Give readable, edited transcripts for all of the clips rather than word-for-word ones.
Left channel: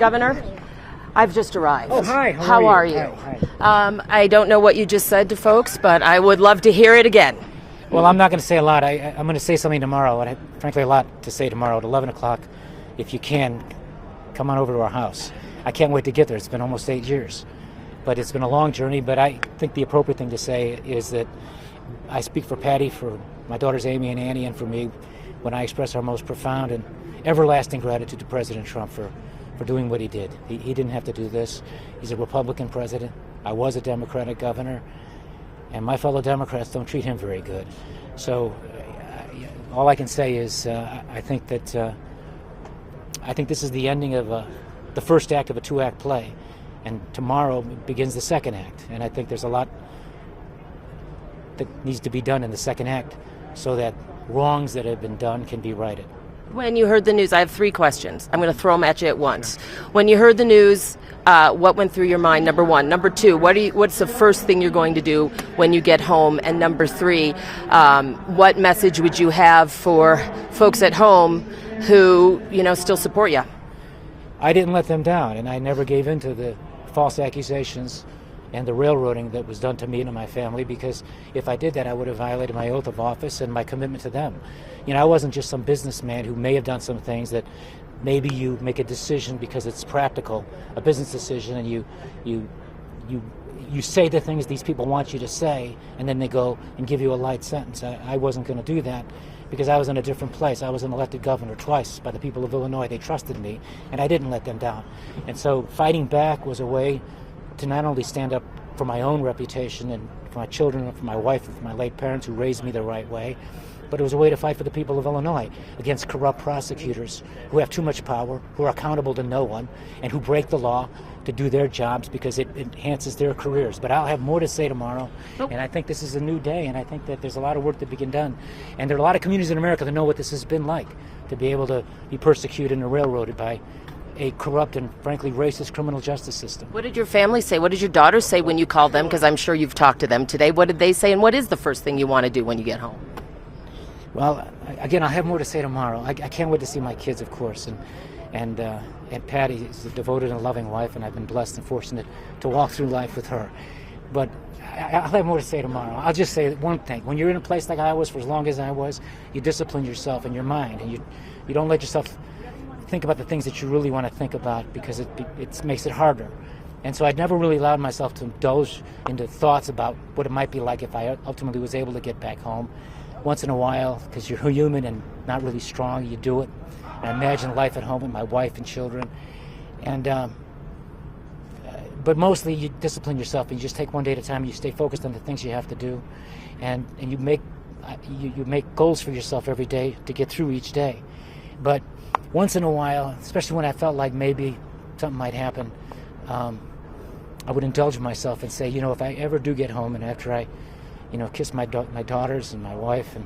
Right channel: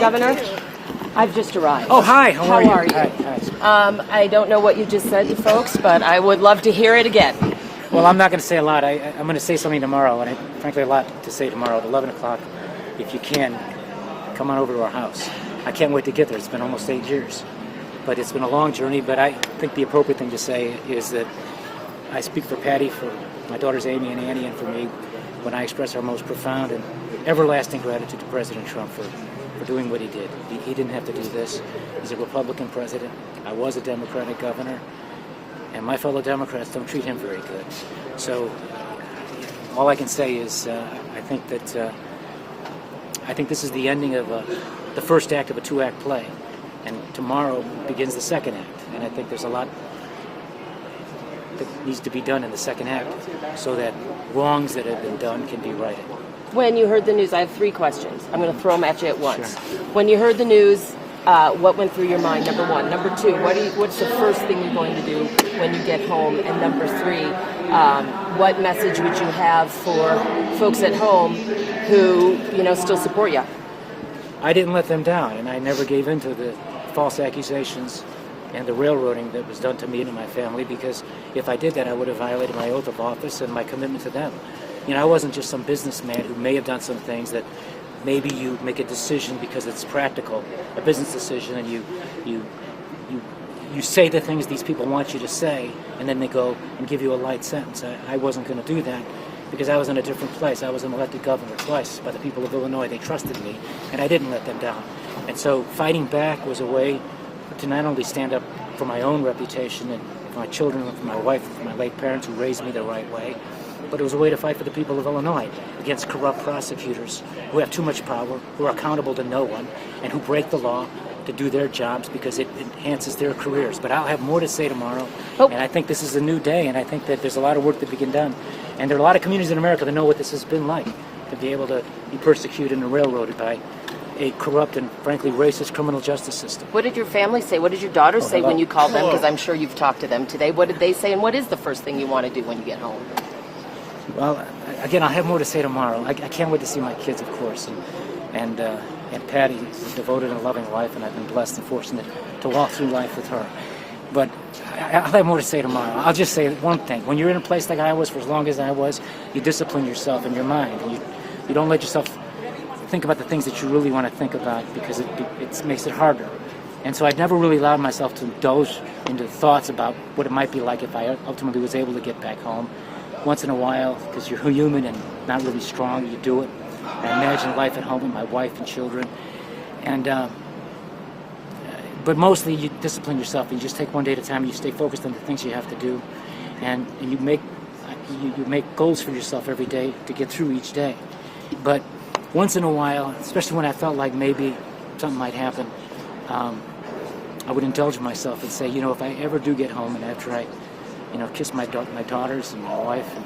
Governor, I've just arrived. Oh, hi. How are you? Hi. I don't know what you just said to folks, but I would love to hear it again. Well, I'm not going to say a lot. I'm going to say something tomorrow, and frankly, a lot to say tomorrow at 11 o'clock. If you can, come on over to our house. I can't wait to get there. It's been almost 8 years. But it's been a long journey, but I think the appropriate thing to say is that I speak for Patty, for my daughters Amy and Annie, and for me, when I express our most profound and everlasting gratitude to President Trump for doing what he did. He didn't have to do this. He's a Republican president. I was a Democratic governor, and my fellow Democrats don't treat him very good. So all I can say is I think this is the ending of the first act of a two-act play, and tomorrow begins the second act. And I think there's a lot that needs to be done in the second act so that wrongs that have been done can be righted. When you heard the news, I have 3 questions. I'm going to throw them at you at once. When you heard the news, what went through your mind, number 1? Number 2, what's the first thing you're going to do when you get home? And number 3, what message would you have for folks at home who, still support you? I didn't let them down, and I never gave in to the false accusations and the railroading that was done to me and my family, because if I did that, I would have violated my oath of office and my commitment to them. I wasn't just some businessman who may have done some things that maybe you make a decision because it's practical, a business decision, and you say the things these people want you to say, and then they go and give you a light sentence. I wasn't going to do that because I was in a different place. I was an elected governor twice by the people of Illinois. They trusted me, and I didn't let them down. And so fighting back was a way to not only stand up for my own reputation and for my children, and for my wife, and for my late parents who raised me the right way, but it was a way to fight for the people of Illinois against corrupt prosecutors who have too much power, who are accountable to no one, and who break the law to do their jobs because it enhances their careers. But I'll have more to say tomorrow, and I think this is a new day, and I think that there's a lot of work that we can done. And there are a lot of communities in America that know what this has been like, to be able to be persecuted and railroaded by a corrupt and frankly racist criminal justice system. What did your family say? What did your daughters say when you called them? Because I'm sure you've talked to them today. What did they say, and what is the first thing you want to do when you get home? Well, again, I'll have more to say tomorrow. I can't wait to see my kids, of course, and Patty is a devoted and loving wife, and I've been blessed and fortunate to walk through life with her. But I'll have more to say tomorrow. I'll just say one thing. When you're in a place like I was for as long as I was, you discipline yourself and your mind, and you don't let yourself think about the things that you really want to think about, because it makes it harder. And so I never really allowed myself to indulge into thoughts about what it might be like if I ultimately was able to get back home. Once in a while, because you're human and not really strong, you do it. I imagine life at home with my wife and children. But mostly you discipline yourself, and you just take one day at a time, and you stay focused on the things you have to do, and you make goals for yourself every day to get through each day. But once in a while, especially when I felt like maybe something might happen, I would indulge myself and say, if I ever do get home, and after I kiss my daughters and my wife, and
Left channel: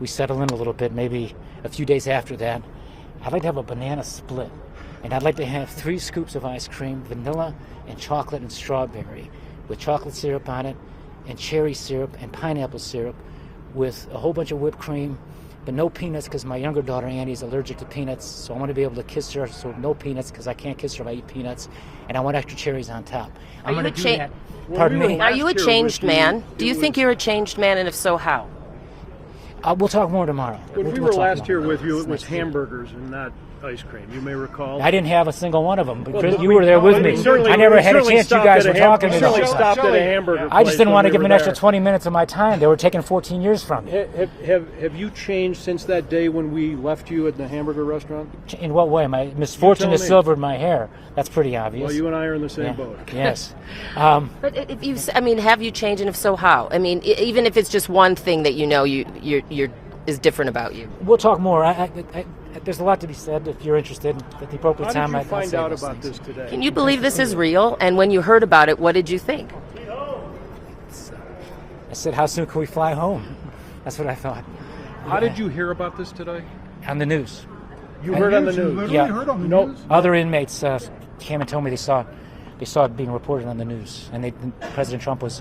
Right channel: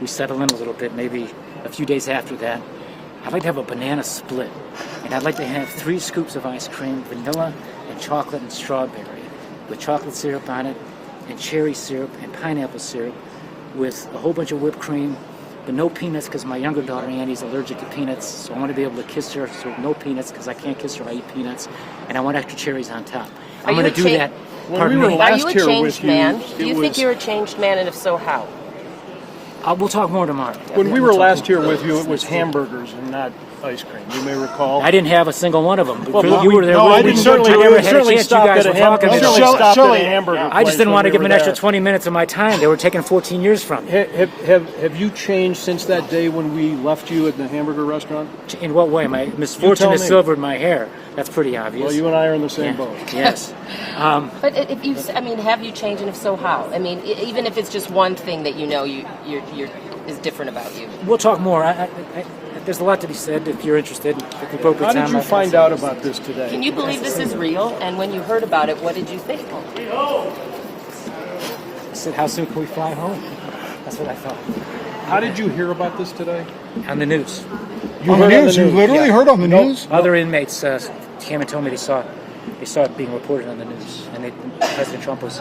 we settle in a little bit, maybe a few days after that, I'd like to have a banana split. And I'd like to have 3 scoops of ice cream, vanilla and chocolate and strawberry, with chocolate syrup on it, and cherry syrup and pineapple syrup, with a whole bunch of whipped cream, but no peanuts, because my younger daughter Annie's allergic to peanuts, so I want to be able to kiss her, so no peanuts, because I can't kiss her if I eat peanuts, and I want extra cherries on top. I'm going to do that. Pardon me? Are you a changed man? Do you think you're a changed man, and if so, how? We'll talk more tomorrow. When we were last here with you, it was hamburgers and not ice cream. You may recall. I didn't have a single one of them. Well, you were there with me. I never had a chance. You guys were talking about it. I just didn't want to give them an extra 20 minutes of my time. They were taking 14 years from me. Have you changed since that day when we left you at the hamburger restaurant? In what way? My misfortune has silvered my hair. That's pretty obvious. Well, you and I are in the same boat. Yes. But have you changed, and if so, how? Even if it's just one thing that you're is different about you. We'll talk more. There's a lot to be said if you're interested. At the appropriate time. How did you find out about this today? Can you believe this is real? And when you heard about it, what did you think? I said, how soon can we fly home? That's what I thought. How did you hear about this today? On the news. On the news? You literally heard on the news? Other inmates came and told me they saw it being reported on the news, and President Trump was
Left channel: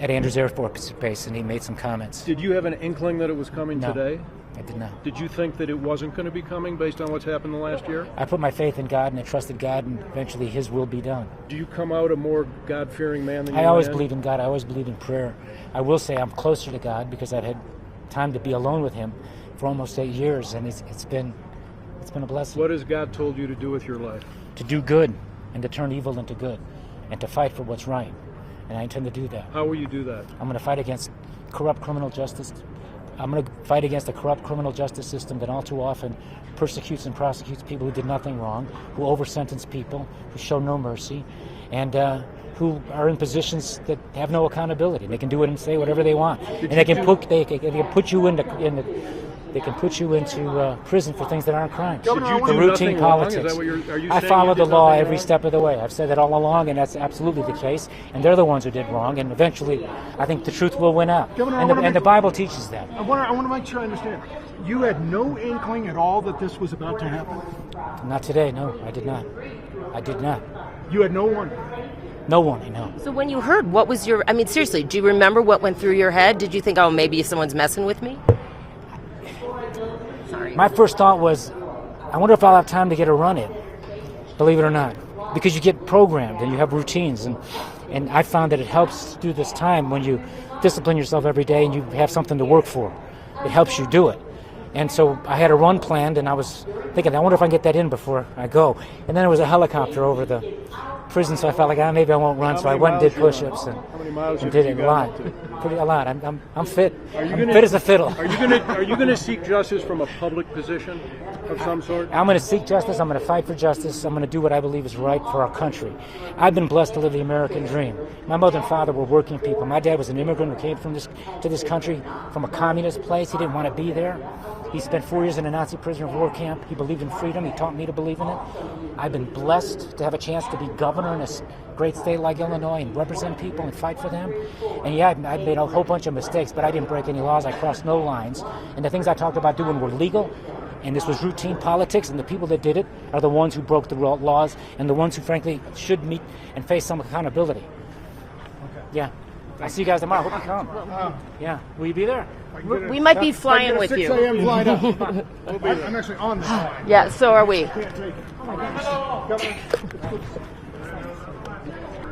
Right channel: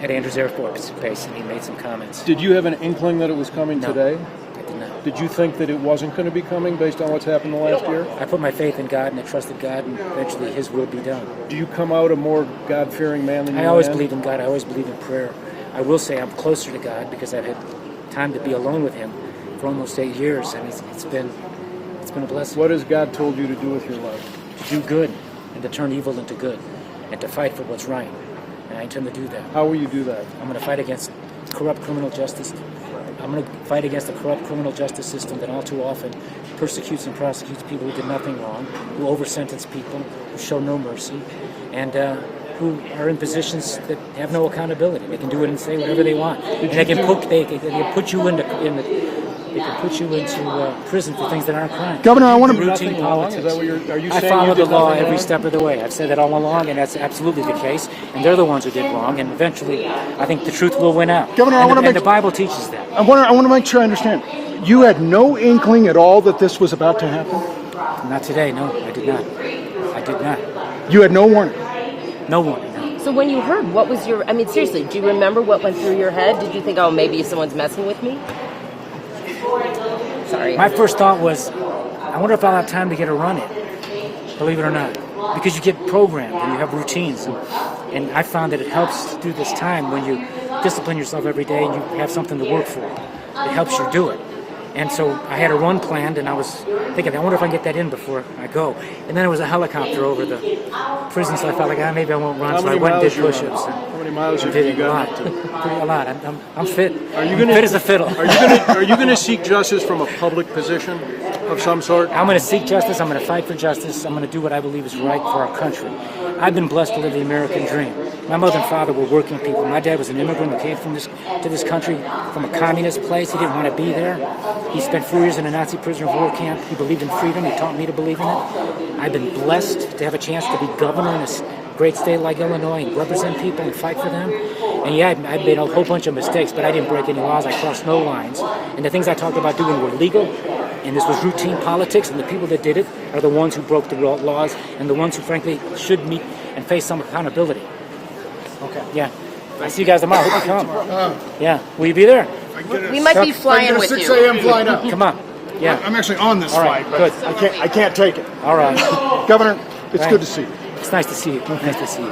at Andrews Air Force Base, and he made some comments. Did you have an inkling that it was coming No. today? I did not. Did you think that it wasn't going to be coming based on what's happened the last year? I put my faith in God and I trusted God, and eventually His will be done. Do you come out a more God-fearing man than you I always were then? believe in God. I always believe in prayer. I will say I'm closer to God because I've had time to be alone with Him for almost 8 years, and it's been a blessing. What has God told you to do with your life? To do good and to turn evil into good and to fight for what's right. And I intend to do that. How will you do that? I'm going to fight against corrupt criminal justice. I'm going to fight against the corrupt criminal justice system that all too often persecutes and prosecutes people who did nothing wrong, who over-sentence people, who show no mercy, and who are in positions that have no accountability. They can do it and say whatever they want, and they can put you into prison for things that aren't crimes. Governor, I want Do to. nothing routine wrong? politics. Is that what are you I saying follow you the did law nothing every wrong? step of the way. I've said that all along, and that's absolutely the case. And they're the ones who did wrong, and eventually, I think the truth will win out. Governor, I and wanna the make- Bible teaches that. I want to make sure I understand. You had no inkling at all that this was about to happen. Not today, no, I did not. I did not. You had no warning. No one, no. So when you heard, what was your? I mean, seriously, do you remember what went through your head? Did you think, oh, maybe someone's messing with me? Sorry. My first thought was, I wonder if I'll have time to get a run in. Believe it or not, because you get programmed and you have routines, and I found that it helps through this time when you discipline yourself every day and you have something to work for. It helps you do it. And so I had a run planned, and I was thinking, I wonder if I can get that in before I go. And then there was a helicopter over the prison, so I felt like, maybe I won't run. How So I many went and did miles you run? push-ups. How many miles And have did you it a lot. gotten Pretty a lot. I'm fit. Are you I'm gonna- fit as a fiddle. Are you going to seek justice from a public position of some sort? I'm going to seek justice. I'm going to fight for justice. I'm going to do what I believe is right for our country. I've been blessed to live the American dream. My mother and father were working people. My dad was an immigrant who came to this country from a communist place. He didn't want to be there. He spent 4 years in a Nazi prisoner of war camp. He believed in freedom. He taught me to believe in it. I've been blessed to have a chance to be governor in this great state like Illinois and represent people and fight for them. And yeah, I made a whole bunch of mistakes, but I didn't break any laws. I crossed no lines. And the things I talked about doing were legal. And this was routine politics, and the people that did it are the ones who broke the laws and the ones who, frankly, should meet and face some accountability. Okay. Yeah. I see you guys tomorrow. Hope you come. Yeah. Will you be there? We might be flying with 6 you. a.m. flight up. Come on. Yeah. I'm actually on this flight. Yeah, Good. so are we. I can't take it. All right. Governor, it's Right. good to see you. It's nice to see you. Nice to see you.